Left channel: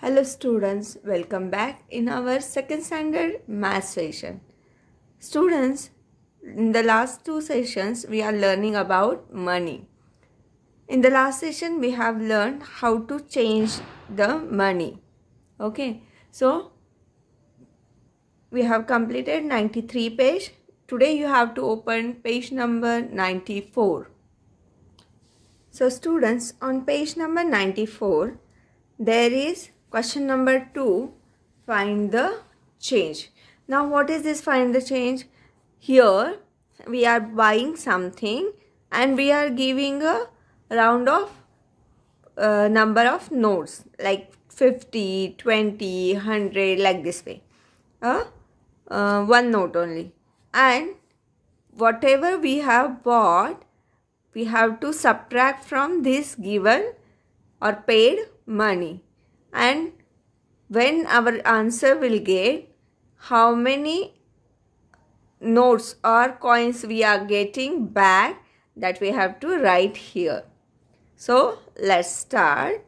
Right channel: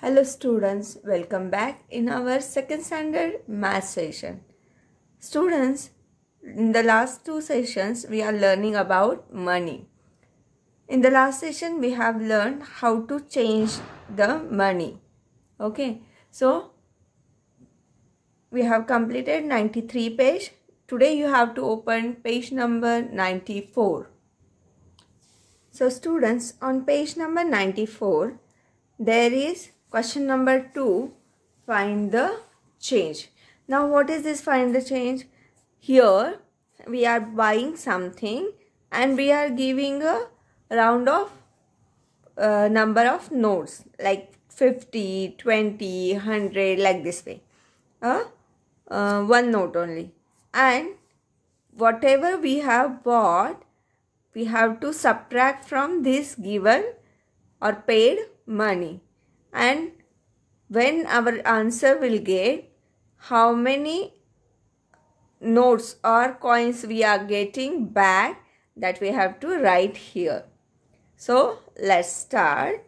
Hello students, welcome back in our second standard math session. Students, in the last two sessions we are learning about money. In the last session we have learned how to change the money. Okay, so we have completed 93 page. Today you have to open page number 94. So students, on page number 94 there is question number 2, find the change. Now what is this find the change? Here we are buying something and we are giving a round of number of notes like 50, 20, 100 like this way. One note only. And whatever we have bought, we have to subtract from this given or paid money. And when our answer will get how many notes or coins we are getting back, that we have to write here. So let's start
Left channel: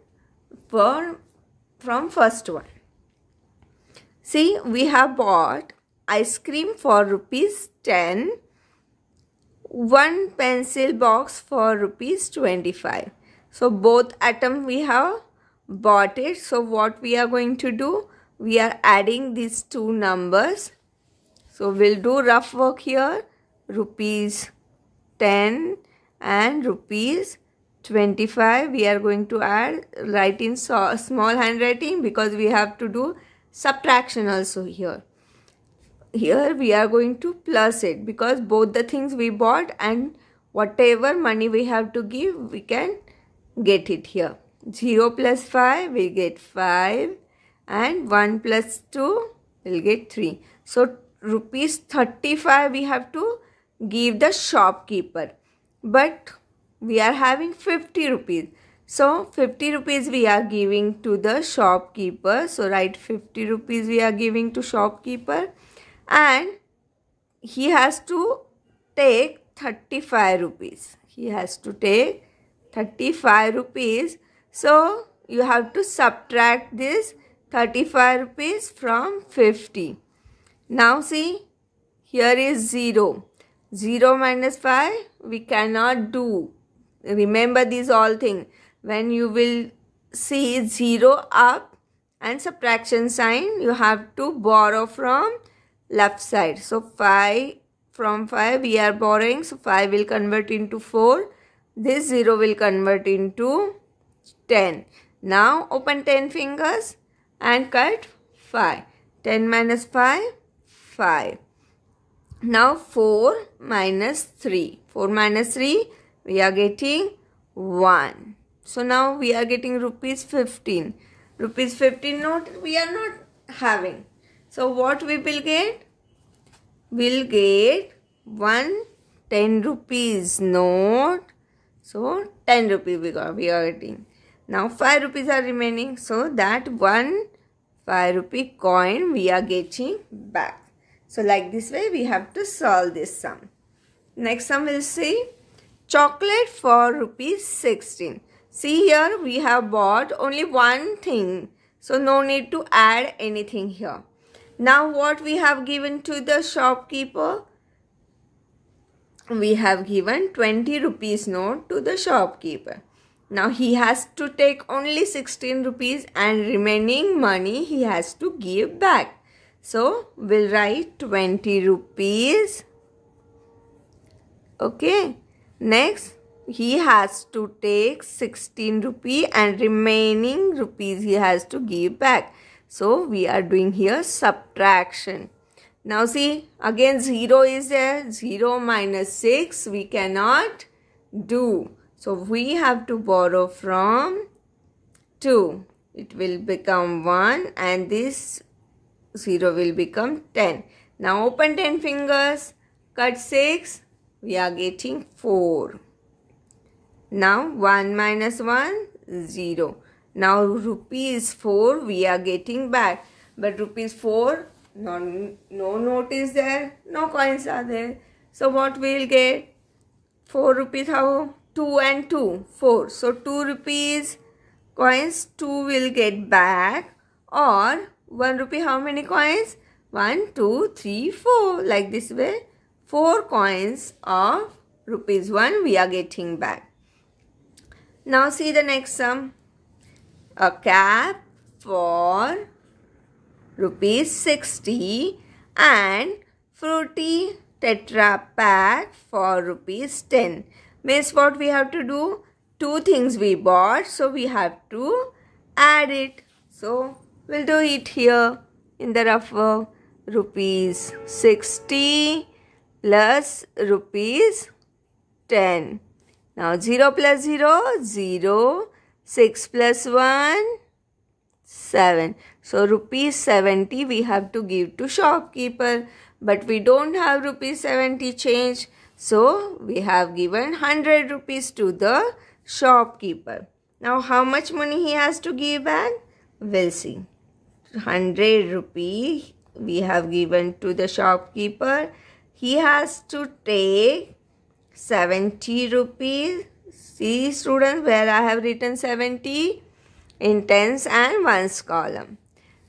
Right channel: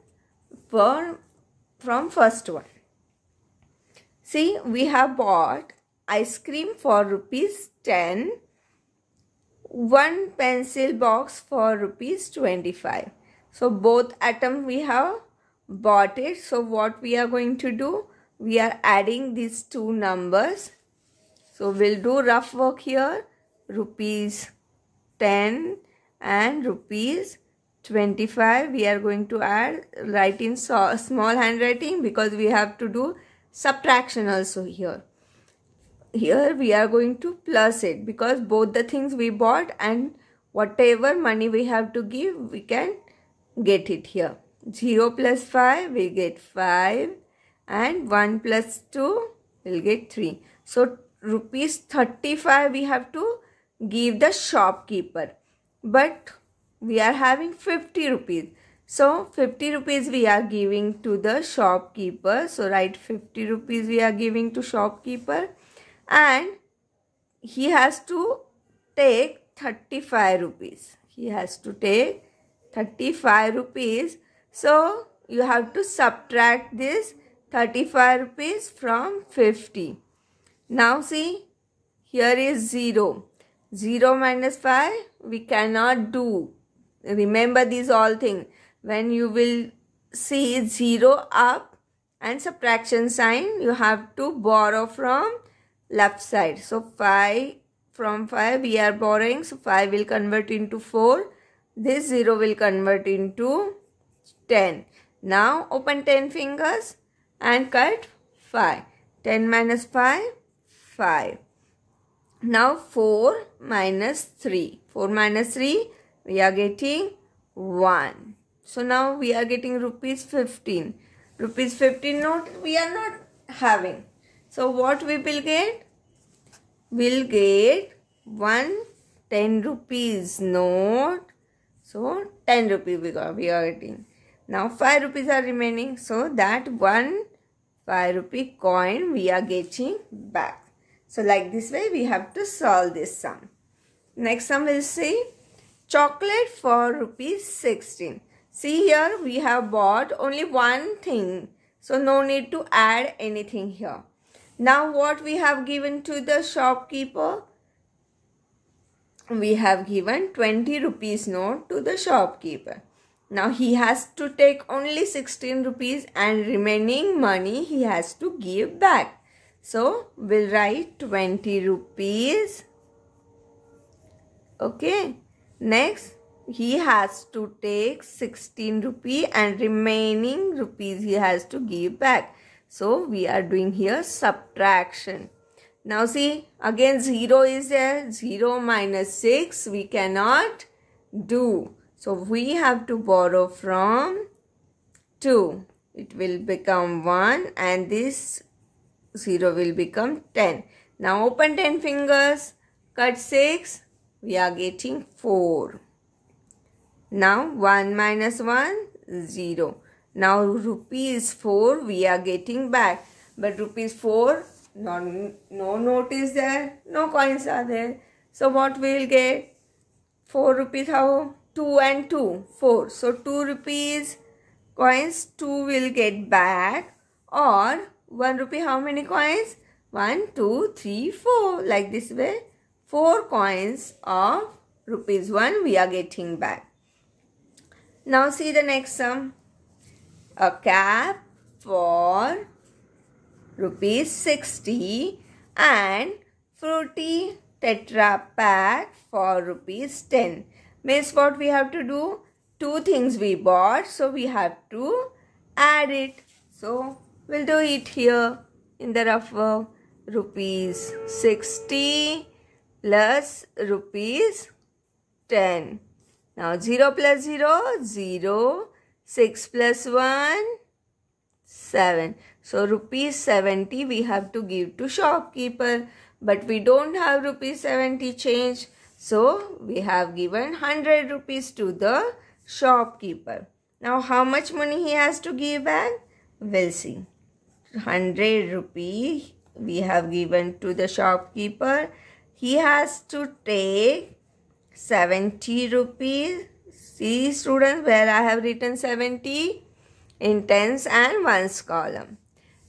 from first one. See, we have bought ice cream for ₹10, one pencil box for ₹25. So both items we have bought it. So what we are going to do, we are adding these two numbers. So we'll do rough work here. ₹10 and ₹25 we are going to add, write in small handwriting because we have to do subtraction also here. Here we are going to plus it because both the things we bought and whatever money we have to give, we can get it here. 0 plus 5 we get 5 and 1 plus 2 will get 3. So ₹35 we have to give the shopkeeper, but we are having 50 rupees. So 50 rupees we are giving to the shopkeeper. So write 50 rupees we are giving to shopkeeper, and he has to take 35 rupees. He has to take 35 rupees. So you have to subtract this 35 rupees from 50. Now see, here is 0. 0 minus 5 we cannot do. Remember these all things. When you will see 0 up and subtraction sign, you have to borrow from left side. So 5, from 5 we are borrowing. So 5 will convert into 4. This 0 will convert into 10. Now open 10 fingers and cut 5. 10 minus 5, 5. Now 4 minus 3. 4 minus 3, we are getting 1. So now we are getting ₹15. ₹15 note we are not having. So what we will get? We'll get one 10 rupees note. So 10 rupees we are getting. Now 5 rupees are remaining. So that one 5 rupee coin we are getting back. So like this way we have to solve this sum. Next sum we'll see chocolate for ₹16. See, here we have bought only one thing. So no need to add anything here. Now what we have given to the shopkeeper? We have given 20 rupees note to the shopkeeper. Now he has to take only 16 rupees and remaining money he has to give back. So we'll write 20 rupees. Okay. Next, he has to take 16 rupees and remaining rupees he has to give back. So we are doing here subtraction. Now see, again 0 is there. 0 minus 6 we cannot do. So we have to borrow from 2. It will become 1 and this 0 will become 10. Now open 10 fingers, cut 6, we are getting 4. Now 1 minus 1, 0. Now ₹4 we are getting back. But ₹4, no note is there, no coins are there. So what we will get? 4 rupees, how? 2 and 2, 4. So 2 rupees coins 2 will get back. Or 1 rupee, how many coins? 1, 2, 3, 4. Like this way, 4 coins of rupees 1 we are getting back. Now see the next sum. A cap for rupees 60 and fruity tetra pack for rupees 10. Means what we have to do? 2 things we bought, so we have to add it. So we'll do it here in the rough work. Rupees 60 plus rupees 10. Now 0 plus 0, 0. 6 plus 1, 7. So rupees 70 we have to give to shopkeeper. But we don't have rupees 70 change. So we have given 100 rupees to the shopkeeper. Now how much money he has to give back? We'll see. 100 rupees we have given to the shopkeeper. He has to take 70 rupees. See students, where I have written 70 in tens and ones column.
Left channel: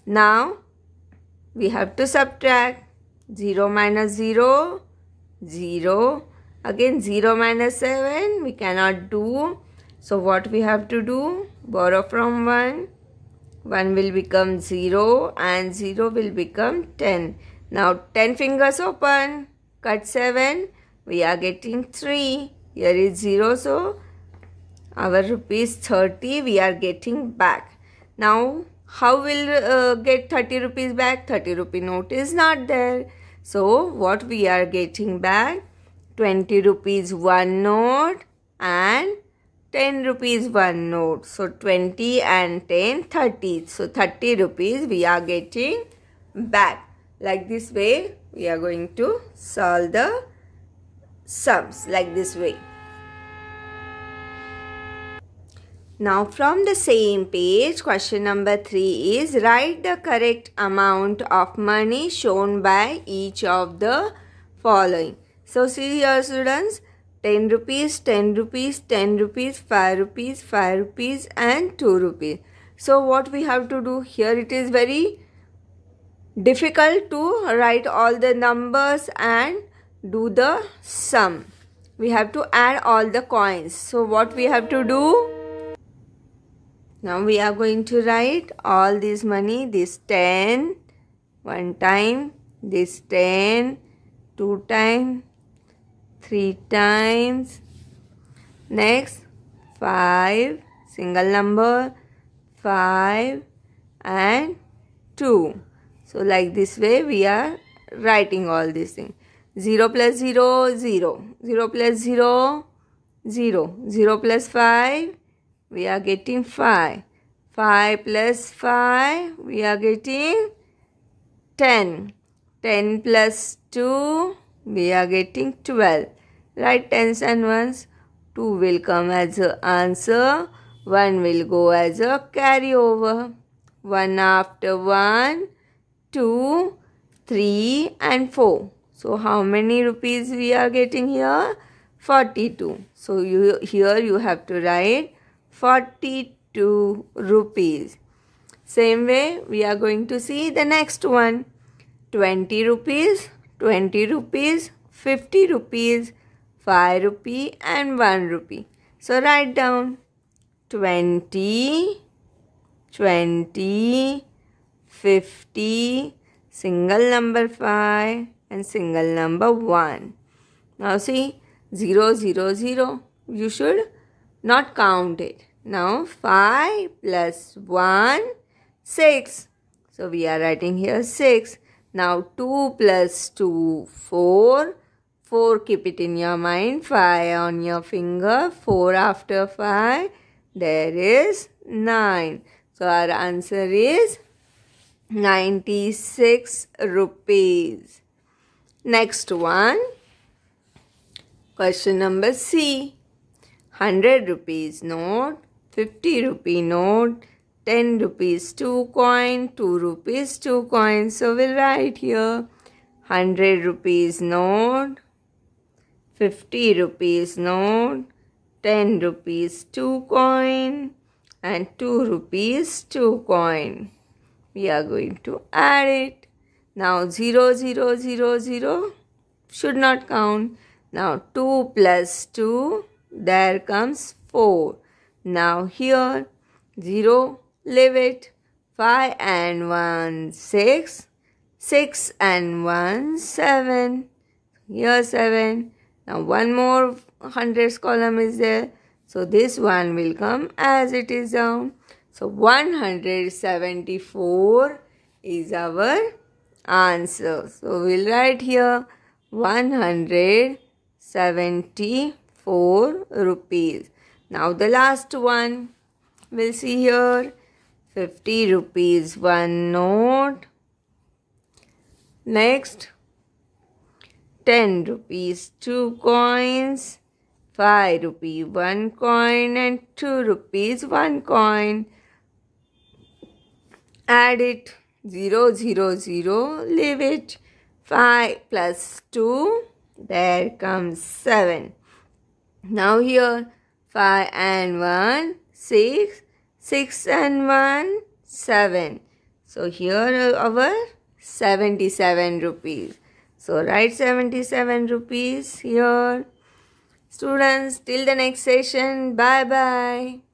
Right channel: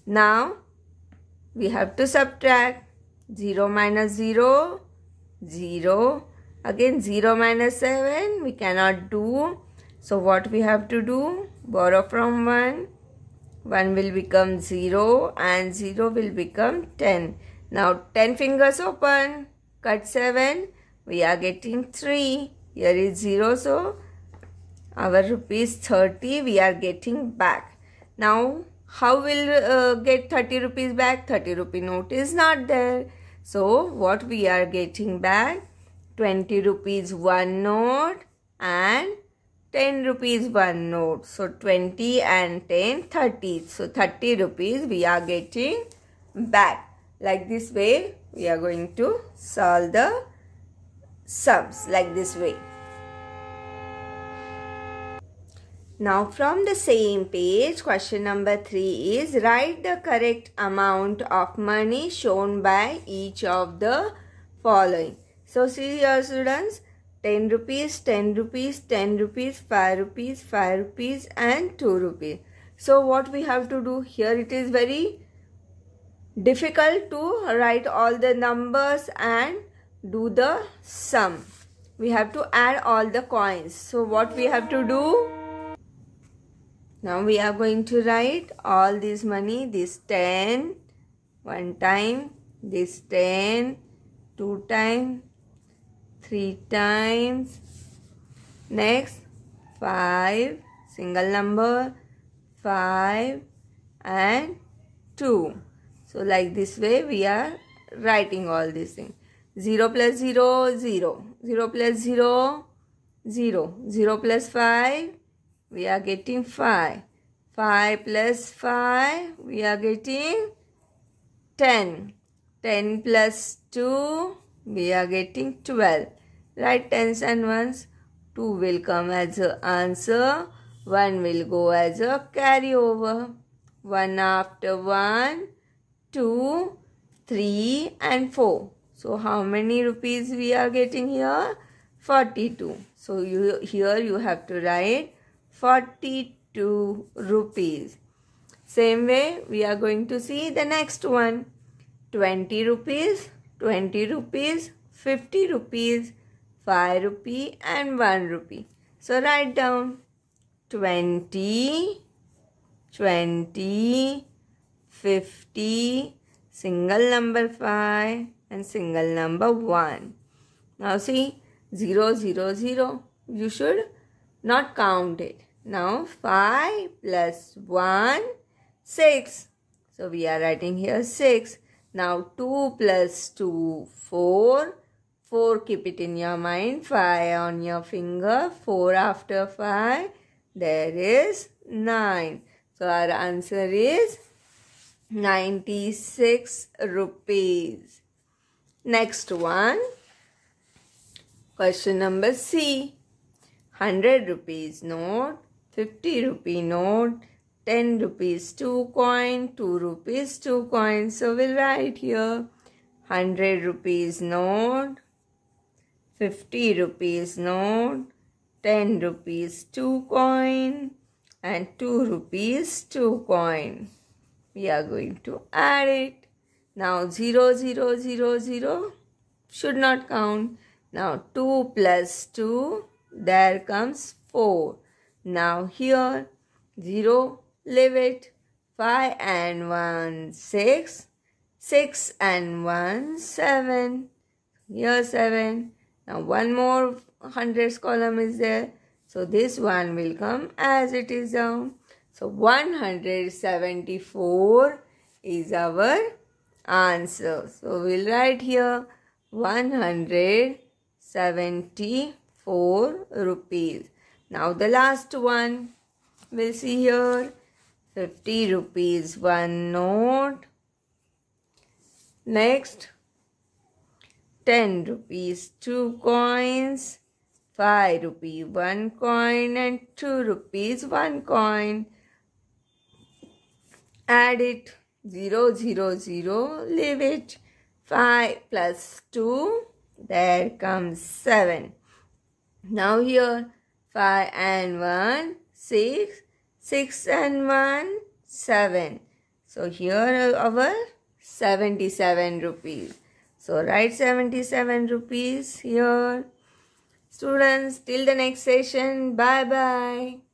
Now we have to subtract. 0 minus 0, 0. Again 0 minus 7 we cannot do. So what we have to do? Borrow from 1. 1 will become 0 and 0 will become 10. Now 10 fingers open. Cut 7. We are getting 3. Here is 0, so our rupees 30 we are getting back. Now how will get 30 rupees back? 30 rupee note is not there. So what we are getting back? 20 rupees 1 note and 10 rupees 1 note. So 20 and 10, 30. So 30 rupees we are getting back. Like this way we are going to solve the sums, like this way. Now from the same page, question number 3 is write the correct amount of money shown by each of the following. So see here students, 10 rupees, 10 rupees, 10 rupees, 5 rupees, 5 rupees and 2 rupees. So what we have to do here, it is very difficult to write all the numbers and do the sum. We have to add all the coins. So what we have to do? Now we are going to write all this money, this 10 one time, this 10 2 times, 3 times, next 5, single number, 5 and 2. So like this way we are writing all these things. 0 plus 0, 0. 0 plus 0, 0. 0 plus 5. We are getting 5. 5 plus 5, we are getting 10. 10 plus 2, we are getting 12. Write tens and ones. 2 will come as an answer. 1 will go as a carryover. 1 after 1, 2, 3 and 4. So how many rupees we are getting here? 42. So here you have to write 42 rupees. Same way we are going to see the next one. 20 rupees, 20 rupees, 50 rupees, 5 rupee and 1 rupee. So write down 20, 20, 50, single number 5 and single number 1. Now see 0, 0, 0. You should not count it. Now 5 plus 1, 6. So we are writing here 6. Now 2 plus 2, 4. 4 keep it in your mind. 5 on your finger. 4 after 5. There is 9. So our answer is 96 rupees. Next one. Question number C. 100 rupees note, 50 rupee note, 10 rupees 2 coin, 2 rupees 2 coin. So we'll write here 100 rupees note, 50 rupees note, 10 rupees 2 coin and 2 rupees 2 coin. we are going to add it. Now 0, 0, 0, 0 should not count. Now 2 plus 2, there comes 4. Now here 0, leave it. 5 and 1, 6. 6 and 1, 7. Here 7. Now one more hundreds column is there. So this one will come as it is down. So 174 is our answer. So we'll write here 174 rupees. Now the last one we'll see here. 50 rupees one note. Next 10 rupees 2 coins. 5 rupees 1 coin and 2 rupees 1 coin. Add it. 0, 0, 0. Leave it. 5 plus 2. There comes 7. Now here 5 and 1, 6. 6 and 1, 7. So here our 77 rupees. So write 77 rupees here. Students, till the next session. Bye bye.